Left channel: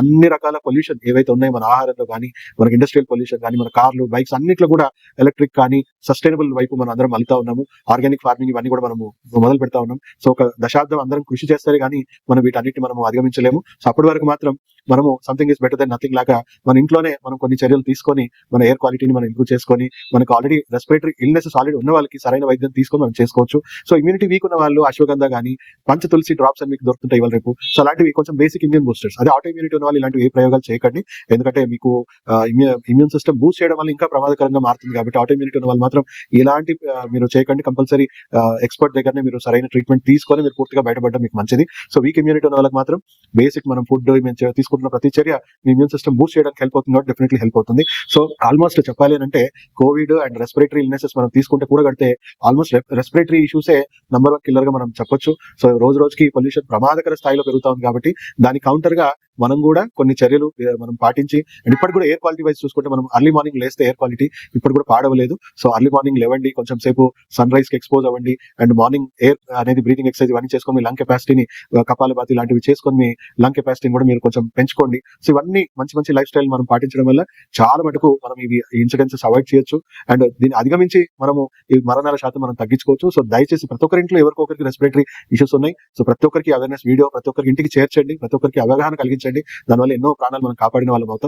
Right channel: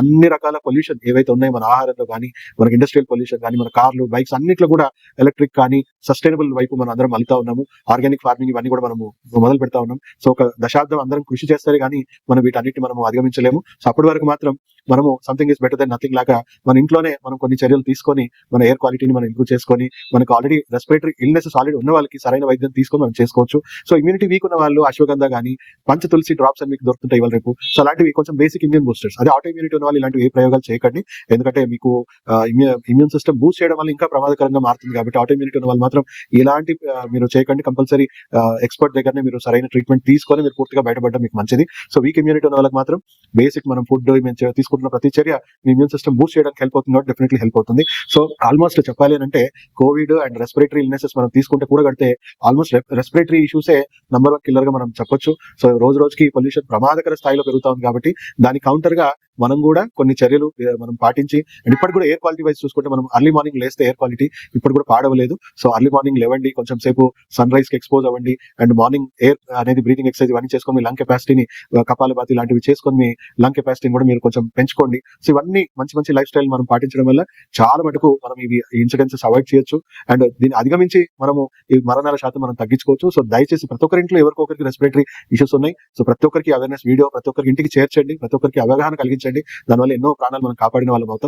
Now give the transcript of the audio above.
అన్ని రకాల పొల్యూషన్ ఏవైతే ఉన్నాయో మన ఆహారంలో కానీ, మనకి ఇండస్ట్రియల్ పొల్యూషన్ కానీ, మన కార్లు, బైక్స్ అన్నిట్లో కూడా ఎలక్ట్రిక్ కానీ, సస్టైనబుల్ వైపు మనం అందరం మలుతా ఉన్నాము. ఆర్గానిక్ ఫార్మింగ్ ఇవన్నీ కూడా మనము మొదలు పెడతా ఉన్నాం. సో ఒక దశాబ్దం అందరం కృషి చేస్తే గానీ మనం వీటన్నిటిని మనం అధిగమించలేము. సో అప్పటి వరకు మాత్రం మనము something is better than nothing లాగా మన ఇంట్లోనే మనం కొన్ని చర్యలు తీసుకొని మన ఎయిర్ క్వాలిటీని మనం ఇంప్రూవ్ చేసుకొని, మనకు ఆల్రెడీ రెస్పిరేటరీ ఇల్నెసెస్ ఆల్రెడీ ఉన్న వాళ్ళకి సరైన వైద్యం తీసుకొని మనం చేసుకోవచ్చు. సో ఇమ్యూనిటీ వీక్ ఉన్న వాళ్ళు అశ్వగంధ కానీ, పంచ తులసి డ్రాప్స్ అని మీకు దొరుకుతుంటాయి ఇవాళ రేపు. సో అలాంటివి కొంచెం బేసిక్ ఇమ్యూన్ బూస్టర్స్. అదే ఆటో ఇమ్యూనిటీ ఉన్న వాళ్ళు ఇలాంటివి ఏ ప్రయోగాలు చేయకండి. ఎందుకంటే మీకు ఇమ్యూన్ సిస్టమ్ బూస్ట్ చేయడం వల్ల ఇంకా ప్రమాదకరంగా మారుతుంది. కాబట్టి ఆటో ఇమ్యూనిటీ ఉన్న వాళ్ళు మాత్రం ఇలాంటి మీరు చేయకండి. కంపల్సరీ ఎక్స్పర్ట్ దగ్గరనే మీరు సరైన ట్రీట్మెంట్ తీసుకొని మీరు పూర్తిగా బయటపడడం మీకు మంచిది. సో వీక్ ఇమ్యూనిటీ ఉన్న వాళ్ళకి మాత్రం బేసిక్ మనం ఫుడ్ తీసుకుంటున్న ప్రతి చర్య మీ ఇమ్యూన్ సిస్టమ్ బూస్ట్ చేయడానికి హెల్ప్ అవుతుంది కాబట్టి డెఫినెట్లీ హెల్ప్ అవుతుంది. సో ఆల్మోస్ట్ చెప్పాలి అంటే కోవిడ్ అండ్ రెస్పిరేటరీ ఇల్నెసెస్ మనం తీసుకుంటే కూడా కడితే ఆల్మోస్ట్ రెస్పిరేటరీ ఇష్యూసే నంబర్ 1 కిల్లర్ గా మనం చెప్పొచ్చు. సో రోజు రోజుకి పొల్యూషన్ ప్రమాదకర స్థాయిలో పెరుగుతా ఉంది కాబట్టి దాని కౌంటర్ గా మనం కూడా కొన్ని చర్యలు మనం పాటించి, అండ్ ఇప్పటి కూడా ఎయిర్ క్వాలిటీ వైజ్ చూసుకుంటే మనం అర్లీ మార్నింగ్ లేస్తే ఎయిర్ క్వాలిటీ ఇప్పుడు కూడా పాడవలేదు. సో అర్లీ మార్నింగ్ లేవండి, కొంచెం సేపు సన్ రైజ్ కి ఎక్స్పోజ్ అవ్వండి, అండ్ మార్నింగ్ ఎయిర్ అనేది బ్రీతింగ్ ఎక్సర్సైజ్ ఇవన్నీ చేసుకొని మీ లంగ్ కెపాసిటీని, కపాలభాతి ఇలాంటివి చేసుకొని మీ లంగ్ కెపాసిటీని కూడా మీరు కొంచెం పెంచుకోండి. సో ఇవన్నీ మంచి మంచి లైఫ్ స్టైల్ మనం పాటించడం వల్ల చాలా మటుకు మనం ఇవి ఇన్సిడెన్సెస్ అవాయిడ్ చేయొచ్చు, అండ్ దీన్ని అధిగమించి మనము ఈ మరణాల శాతం మనం తగ్గించుకోవచ్చు. సో దయచేసి ప్రతి ఒక్కరి ఇంట్లో ఎవరికొకరికి రెస్పిరేటరీ ఇష్యూస్ ఉన్నాయి. సో ప్రతి ఒక్కరికి అవేర్నెస్ వీడియో ప్రతి ఒక్కరికి ఇంటికి చేర్చండి, ప్రతి ఒక్కరికి అవగాహన కలిగించండి. దానివల్ల ఎన్నో ప్రాణాలు మనం కాపాడిన వాళ్ళం అవుతాం.